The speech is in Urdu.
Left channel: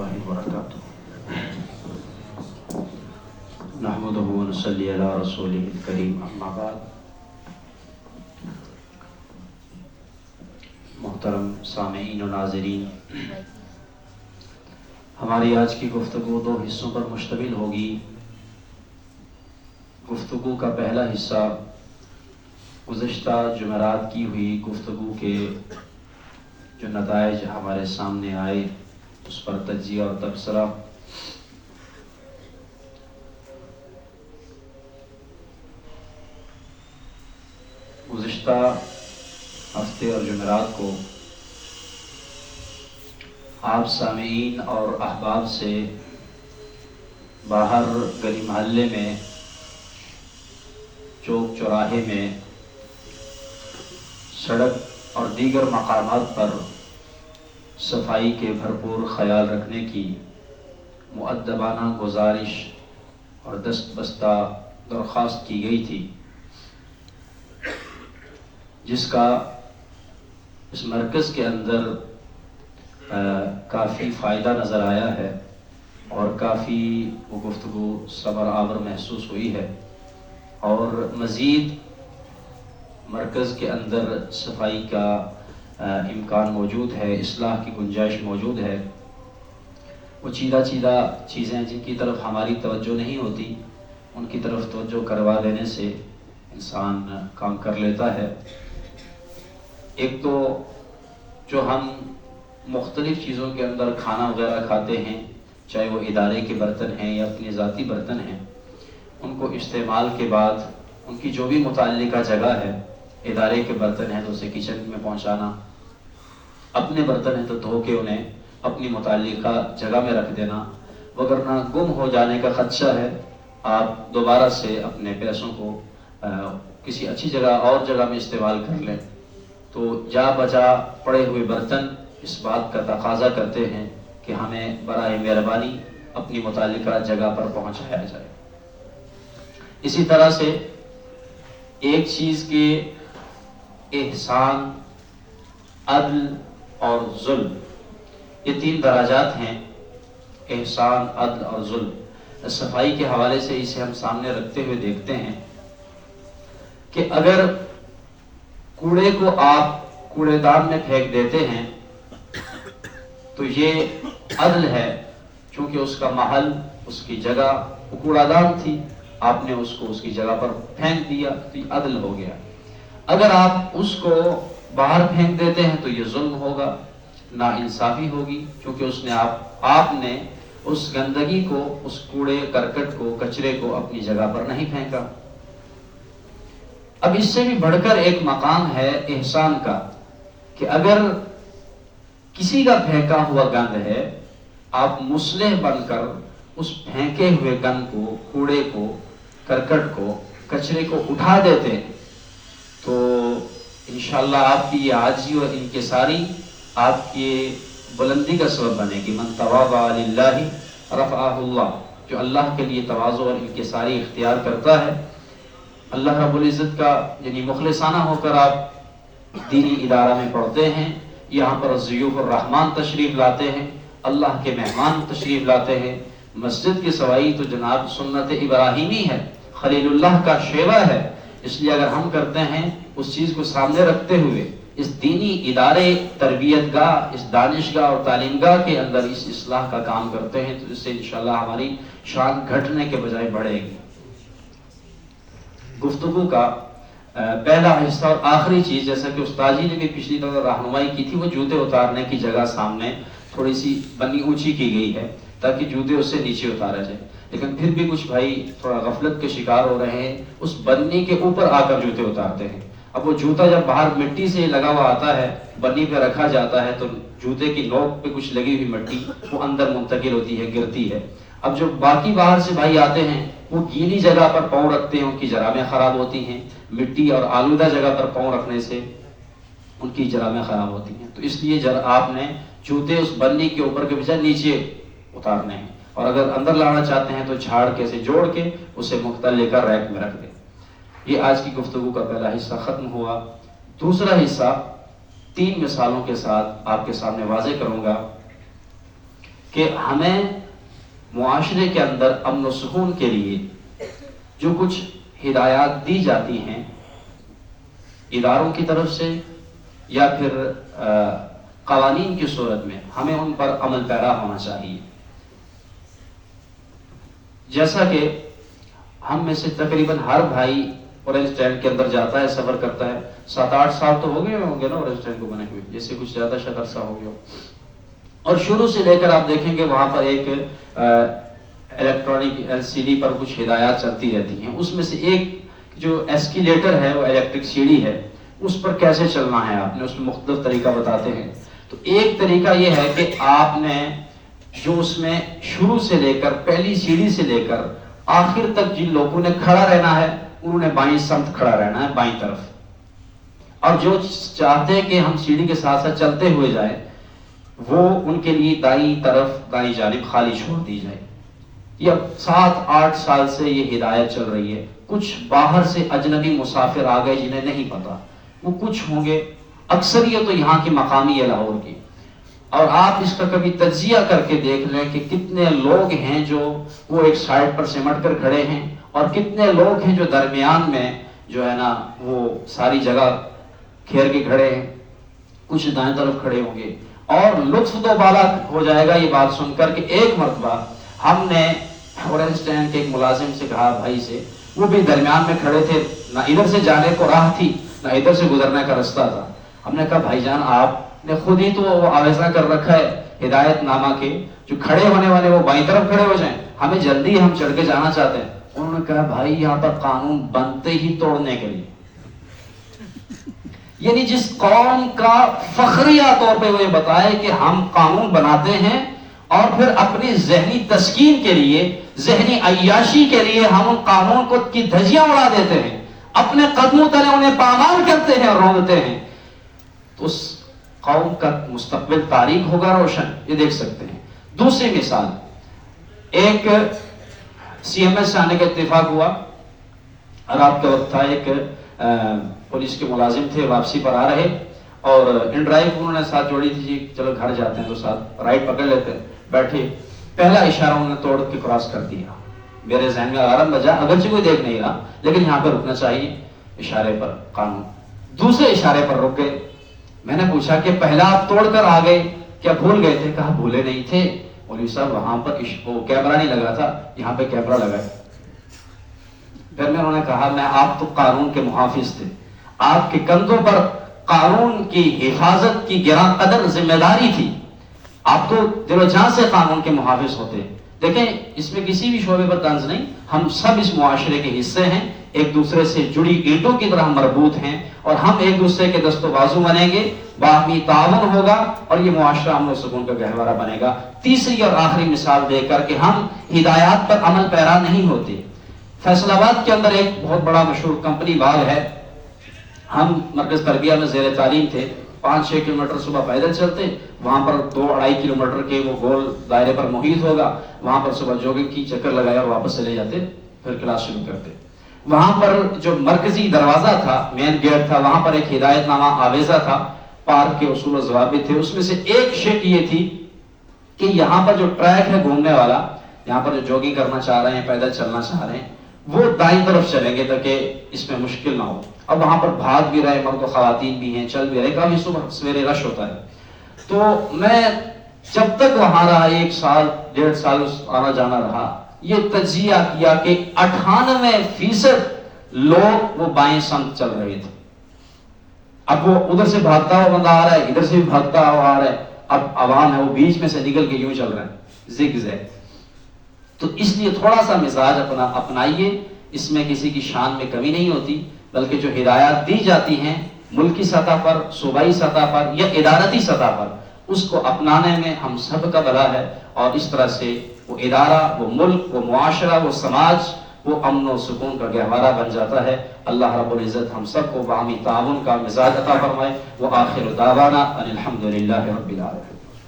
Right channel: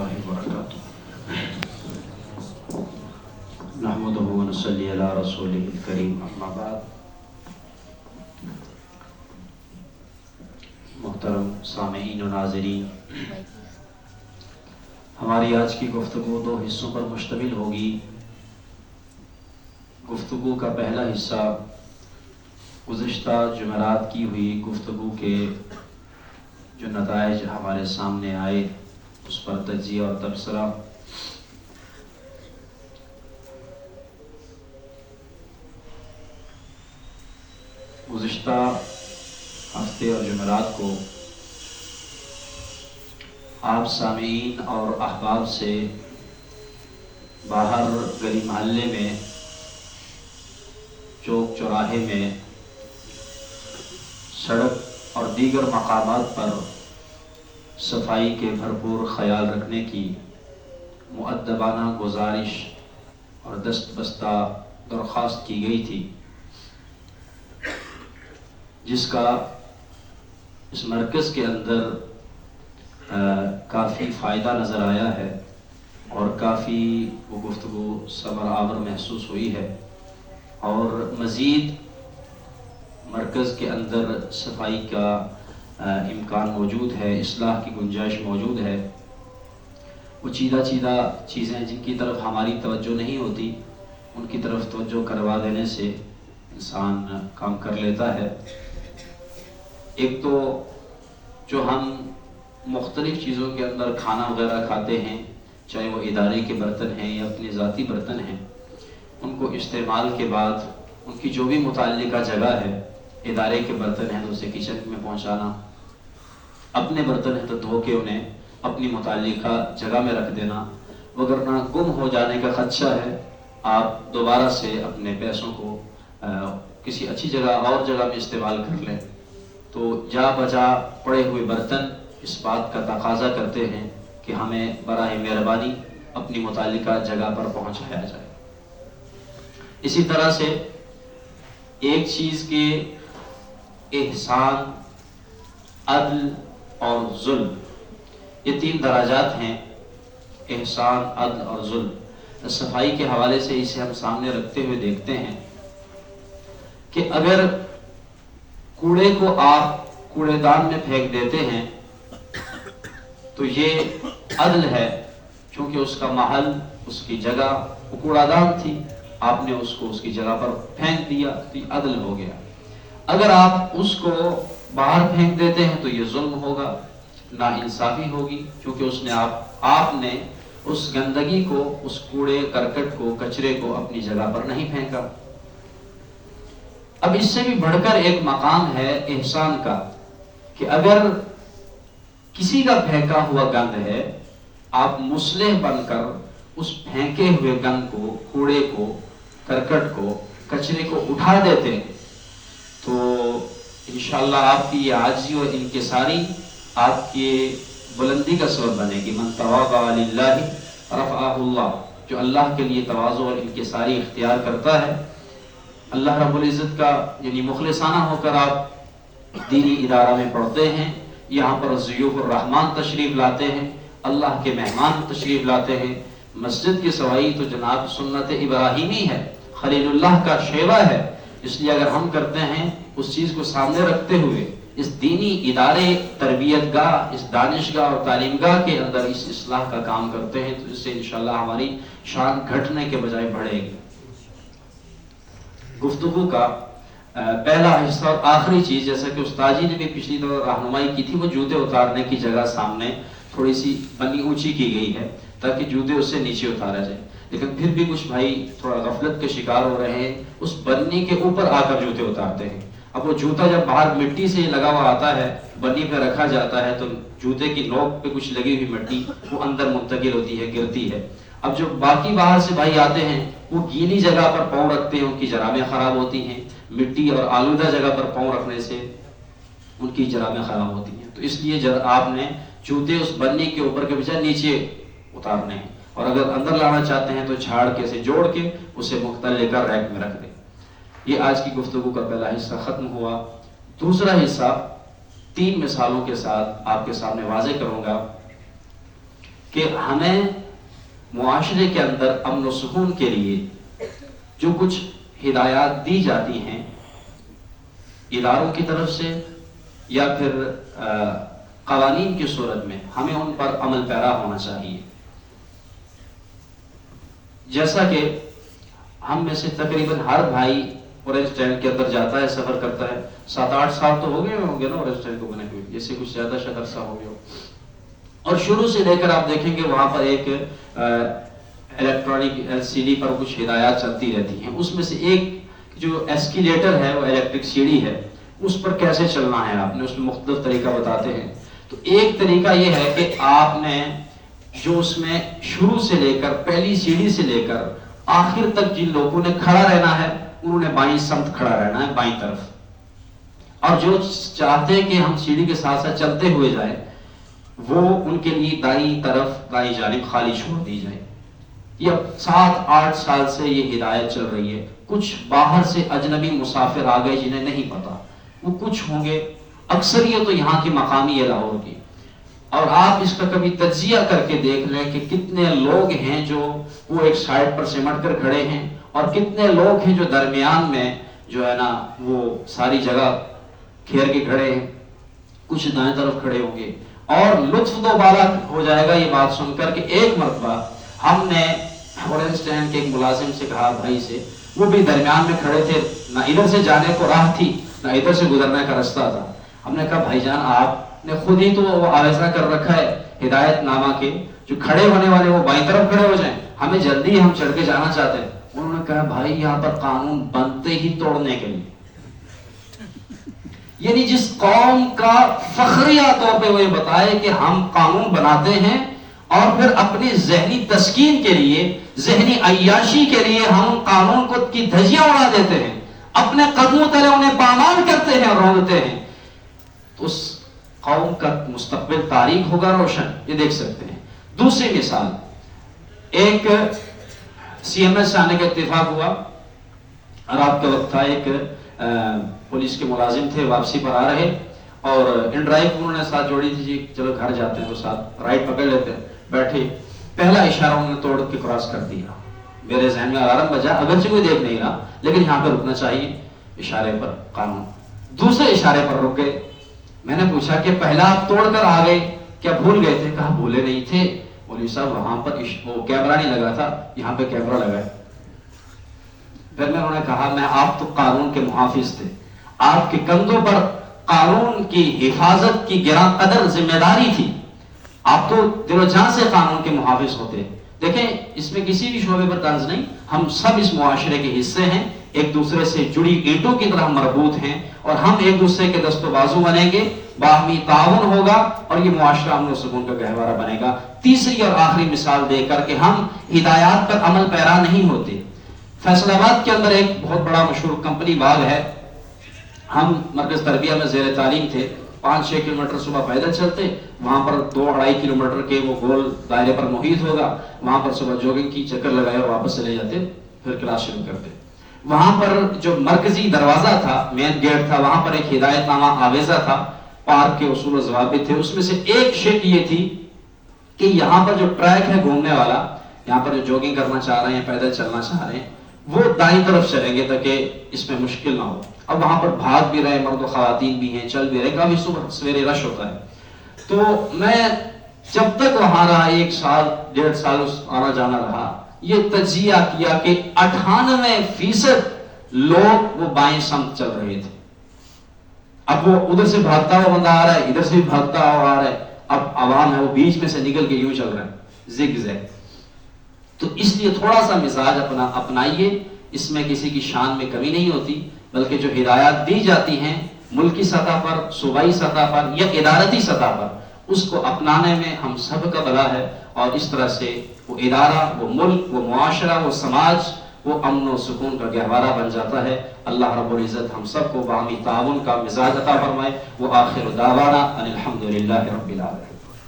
الله وبركاته نحمده ونصلي على رسوله الكريم اما بعد محترم سامعین و ناظرین، ہماری آج کی گفتگو دو حصوں پر مشتمل ہوگی۔ گفتگو کا پہلا حصہ گزشتہ جمعرات کی ہوئی گفتگو کے جو نتائج ہمارے سامنے آئے اس پر تجزیہ اور تبصرہ۔ گزشتہ ہفتے اور جمعرات کو آپ سامعین اور احباب سے باہر گلی محلے میں، چوک چوراہے میں، سڑک اور دیگر مقامات پر صفائی کے بھرپور خیال رکھنے کی مؤدبانہ گزارش اور دست بستہ درخواست کی گئی تھی، جس کا اس مرکز کے اندر کافی فائدہ نظر آیا ہے اور کافی وہ گفتگو ثمر آور محسوس ہوئی ہے، اور مزید مرکز کے اندر صفائی کا امکان موجود ہے، اصلاح کی گنجائش موجود ہے۔ وہ چیدہ چیزیں جن کی طرف ہماری توجہ نہیں ہوتی، ان کی طرف توجہ کروا دینے سے انسان کام کر لیتا ہے۔ ایک تو جو ہم مختلف چیزوں کے اندر کھانا وغیرہ کھاتے ہیں، چاہے وہ ادارے کے برتن ہیں یا اپنے ذاتی برتن ہیں، ان کو استعمال کے بعد ان کی جو بھی متعلقہ جگہ ہے، ادارے کے برتن ہیں تو اسے کچن میں پہنچانا، اپنے برتن ہیں تو دھو کے انہیں اپنی متعلقہ جگہ میں رکھ دینا، وگرنہ گم ہو جانے کا خدشہ ہے۔ آپ دوبارہ سے اپنے پیسوں کو کسی اچھی جگہ اور جگہ میں استعمال کر لیں، تو جا بجا پڑے ہوئے برتن اس بات کا تقاضا کرتے ہیں کہ ہمیں برائے مہربانی اپنی متعلقہ جگہ پر پہنچایا جائے۔ اسی طرح سے ایک چیز کے احسان، عدل اور ظلم، یہ تین درجات ہیں، احسان، عدل اور ظلم۔ صفائی کے حوالے سے اسے ہم سامنے رکھتے ہوئے دیکھتے ہیں کہ اگر کوڑے کو آپ کوڑے دان میں پھینک دیتے ہیں تو یہ عدل ہے، چونکہ اس کا محل، اس کی جگہ وہ کوڑا دان تھی، آپ نے اس کو اس کی جگہ پر پھینک دیا تو یہ عدل ہو گیا۔ اگر آپ اس کو باہر پھینک دیتے ہیں تو یہ ظلم ہوگا، ناانصافی ہوگی، کیونکہ اس نے آپ نے اس گندگی کو، اس کوڑے کرکٹ کو، کچرے کو اپنی جگہ پر نہیں پھینکا۔ اب اس سے بھی بڑھ کر ایک مقام ہے احسان کا، کہ اگر کسی کا پھینکا ہوا گند ہے، آپ مصلح بن کر اس پھینکے ہوئے گند کو، کوڑے کو، کرکٹ کو، کچرے کو اٹھا دیتے تو انشاءاللہ آپ کی یہ عاجزی اور انکساری آپ کی بلندی کا سبب بنے گی۔ من تواضع للہ رفعہ اللہ، جو اللہ کے لیے تواضع اور انکساری اختیار کرتا ہے، اللہ رب العزت کا یعنی مخلصانہ ہو کر آپ دینی ادارہ میں پڑھتے ہیں، یہاں پر ضیوف الرحمن تشریف لاتے ہیں، اللہ کے مہمان تشریف لاتے ہیں۔ مسجد کی صفائی تو جناب سنت ابراہیمی ہے، خلیل اللہ کا شیوہ ہے، اس لیے اگر ہم کرتے ہیں اس چیز کو سامنے رکھتے ہوئے اس دینی ادارے، تربیت گاہ، اس دانش گاہ اور تعلیم گاہ کے اندر اس اصلاح کا کام کرتے ہیں، تو اس سے انشاءاللہ ہماری شان گھٹنے کے بجائے بڑھے گی۔ گفتگو کا پہلا حصہ اور آخری چیز، جیسا کہ استاد جی نے بھی پچھلی دفعہ رہنمائی کی تھی، وہ جوتے اتارنے کی جگہ سامنے تھوڑی سی پنی اونچی کی گئی ہے تاکہ جوتے اس سے نیچے اتارا جائے، لیکن پھر بھی کچھ بھائی تھوڑا غفلت کے شکار ہو رہے ہیں، اس بنی کے اوپر آ کر جوتے اتارتے ہیں۔ اب وہ جوتا جب باہر مٹی سے لگا ہوا آتا ہے، بنی پہ رکھا جاتا ہے، تو جوتے کی نوک پہ کچھ لگی ہوئی مٹی وہ اندر منتقل ہوتی ہے، گرتی ہے۔ اب جو باقی باہر سے بھائی آتے ہیں وہ گیلی جگہ پر پاؤں رکھتے ہیں، ان کی جرابیں خراب ہوتی ہیں، مٹی اور آلودہ جگہ پر پاؤں رکھنے سے ان کی جرابیں خراب ہوتی ہیں، تو اس لیے جب آپ نے جوتے اس بنی کے اوپر کے بجائے نیچے اتارنے ہیں، اور اگر اندر لانا چاہتے ہیں تو جھاڑ کے سے جوڑ کے اسے مختل لے کر ریک میں رکھ دیں۔ یہ آج کی گفتگو کا پہلا حصہ ختم ہوا۔ دوسرا حصہ 3 مثالوں کے ساتھ آپ کے سامنے واضح کروں گا کہ ہمیں معاشرے کے اندر امن و سکون کے لیے جو کچھ ہدایات دی جاتی ہیں اداروں کی طرف سے یا پھر قوانین کی صورت میں، ہمیں ان پر عمل پیرا ہونا چاہیے. جیسا کہ ہم میں سے تقریباً ہر بھائی اورنج ٹرین کے اندر جاتا ہے، سفر کرتا ہے. 7-8 سال تو ہو گئے ہوں گے نا اورنج ٹرین کو بنے ہوئے، جیسے کچھ زیادہ شاید عرصہ ہو گیا. اور شروع سے لے کر آپ دیکھیں کہ وہاں پر ایک الیکٹرانک LCD پر کچھ ہدایات چلتی رہتی ہیں. اس میں سے ایک جو ایسکیلیٹر ہے، وہ الیکٹرک سیڑھی ہے، اس پر کیسے چلنا ہے آپ نے، اس میں مختلف طریقہ بتاتے ہیں. تو ایک طریقہ یہ ہے کہ آپ نے جو اس میں شروع سے لے کر پہلی سیڑھی سے لے کر آخر تک جن لوگوں نے کھڑا رہنا ہے انہوں نے بائیں سمت کھڑا رہنا ہے، بائیں طرف. اور جو چاہتے ہیں کہ ہم سیڑھی کے ساتھ ساتھ چلتے ہوئے جائیں وہ ان کے لیے دائیں طرف، دائیں جانب خالی چھوڑ دی جائے. یہ 7-8 سال سے یہ ہدایت چل رہی ہے. کچھ باہر سے اجنبی مسافر آ گئے جنہیں نہیں پتا، وہ کچھ ہوں گے، اکثریت تو یہاں کی مقامی ہے لاہور کی. اور آپ اس کا کبھی تجزیہ کر کے دیکھ لیں کہ کتنے لوگ ہیں جو وہ ایک سائڈ پر سمٹ کر کھڑے ہیں اور کتنے لوگ ہیں جو درمیان میں جو ہے نا وہ ساری جگہ گھیر کے کھڑے ہیں. کچھ دائیں طرف کھڑے ہوں گے. اور لطف تو بالا ہو جائے گا یہ بات سن کر کہ ایک مرتبہ ہم نے اورنج اسٹینڈ کے ایک ملازم سے کہا، بھائی سے، وہ بھی درمیان میں کھڑے تھے، نہ ادھر سے جانے کو راہ تھی نہ ادھر سے گزرنے کا رستہ تھا. ہم نے کہا بھائی جان آپ نے خود ہی تو آویزہ کر رکھا ہے ہدایت نامہ کے جو کھڑے ہونے والے وہ بائیں طرف کھڑے ہو جائیں، ہمیں جلدی ہم چڑھ کے جانا چاہتے ہیں. انہوں نے کہا بھائی یہاں پر قانون بنتے ہی توڑنے کے لیے. یعنی جس قوم کا فخریہ طور پہ وہ یہ بتائے کہ ہم قانون بناتے ہیں اور پھر اپنی ذہنی تسکین کے لیے، ذہنی عیاشی کے لیے ہم قانون کو کی دھجیاں اڑا دیتے ہیں، اپنے قدموں تلے انہیں پامال کرتے ہیں اور رونتے ہیں، تو اس قوم کا مستقبل تاریک ہوگا روشن. یہ دیکھ سکتے ہیں. دوسری مثال، ایک CMS آنے کا اتفاق ہوا اور آپ کا وقت تھا، ایک پولیس کے ملازم تھے، واپسی پر آ رہے اور ان ڈرائیو انہوں نے ساتھ جوڑی تھی، جی چلو گھر جاتے ہیں تو ساتھ رائٹ پکڑ لیتے ہیں. بیٹھے، پہلا اشارہ انہوں نے توڑ کے کراس کر دیا. میرے ذہن میں الارم بجا، اگرچہ کوئی دیکھ نہیں رہا لیکن یہاں پہ رکنا چاہیے، اشارے پر قانون. دوسرے اشارے پر رک گئے. میں نے پوچھا کہ پہلا آپ توڑ کر آ گئے، کیا بھول گئے تھے؟ کہا بھولے نہیں تھے مولوی صاحب، وہاں پر وہ کیمرہ نہیں لگا تھا، یہاں پہ کیمرہ لگا ہے. پھر میں انہوں نے کہا میں آپ تو قانون کے محافظ تھے، آپ کے کندھوں پر قانون کی حفاظت کی گراں قدر ذمہ داری تھی، آپ تو دل و جان سے قانون کے محافظ ہوتے. دیکھیں اس میں کسی بھی شعبے پر طنز نہیں، ہم سب اس معاشرے کے حصے ہیں، ایک دوسرے سے جڑی اینٹوں کی طرح مربوط ہیں اور ہم ایک دوسرے کے دست و بازو بنیں گے، باہمی تعاون ہوگا اور یہ معاشرہ امن و سکون کا گہوارہ بنے گا. تیسری اور آخری مثال دے کر کہ ہم ہدایات پر عمل پیرا نہیں ہوتے. فیصل آباد کے اندر ایک بہت بڑا مشہور کمپنی باغ ہے. ہم مرکز تربیہ میں زیر تعلیم تھے، 5-6 کلومیٹر صبح پیدل چلتے، وہاں پر 2-2.5 کلومیٹر کے وہ گول دائرے پر محیط ہوگا، وہاں پر صبح جوگنگ کی، چکر لگایا اور واپس چلے جاتے، پھر کلاس شروع کرتے. وہاں پر جو مرکزی دروازہ تھا، مین گیٹ تھا، وہاں پر ایک ہدایت نامہ آویزہ تھا، پارک کے اصول و ضوابط تھے. اس میں سے ایک شرط یہ تھی کہ یہاں پر جو ٹریک ہے گھومنے والا، یہاں پر جو جوگنگ کرنا چاہ رہے ہیں، پیدل چلنا چاہ رہے ہیں، وہ دائیں طرف چلیں گے تاکہ اس میں مشکل نہ ہو. اب وہاں پر بھاگ بھی رہے مرد و خواتین بھی ہیں، چل بھی رہے، کافی صبح سویرے رش ہوتا ہے. تو میں جب تک وہاں رہا، 1 سال 1.5 سال آنا جانا رہا، یہ تجزیہ کیا کہ 98% لوگ وہ بائیں سمت چل رہے تھے. اب وہ ادھر سے بھاگتا ہوا بندہ آ رہا ہے، ادھر سے بھی بھاگتا ہوا آ رہا ہے، اب عوام ہے وہ بیچ میں سے نکل کے یوں چل رہا ہے، زگ زیگ. تو اس لیے تھوڑا سا مزاج اپنائیے، اس میں کسی کی شان میں کمی نہیں ہوتی، بلکہ جو ہدایات دی جاتی ہیں ملکی سطح پر، صوبائی سطح پر یا ادارتی سطح پر، اس کو اپنانے میں ہم سب کا بھلا ہے. اور اس طرح سے وہ ادارہ، وہ ملک، وہ معاشرہ، وہ سماج، وہ امن و سکون کا گہوارہ بن جاتا ہے. اللہ رب العزت ہم سب کو باہمی تعاون کا مزاج عطا فرمائے. وآخر دعوانا ان الحمد للہ رب العالمین.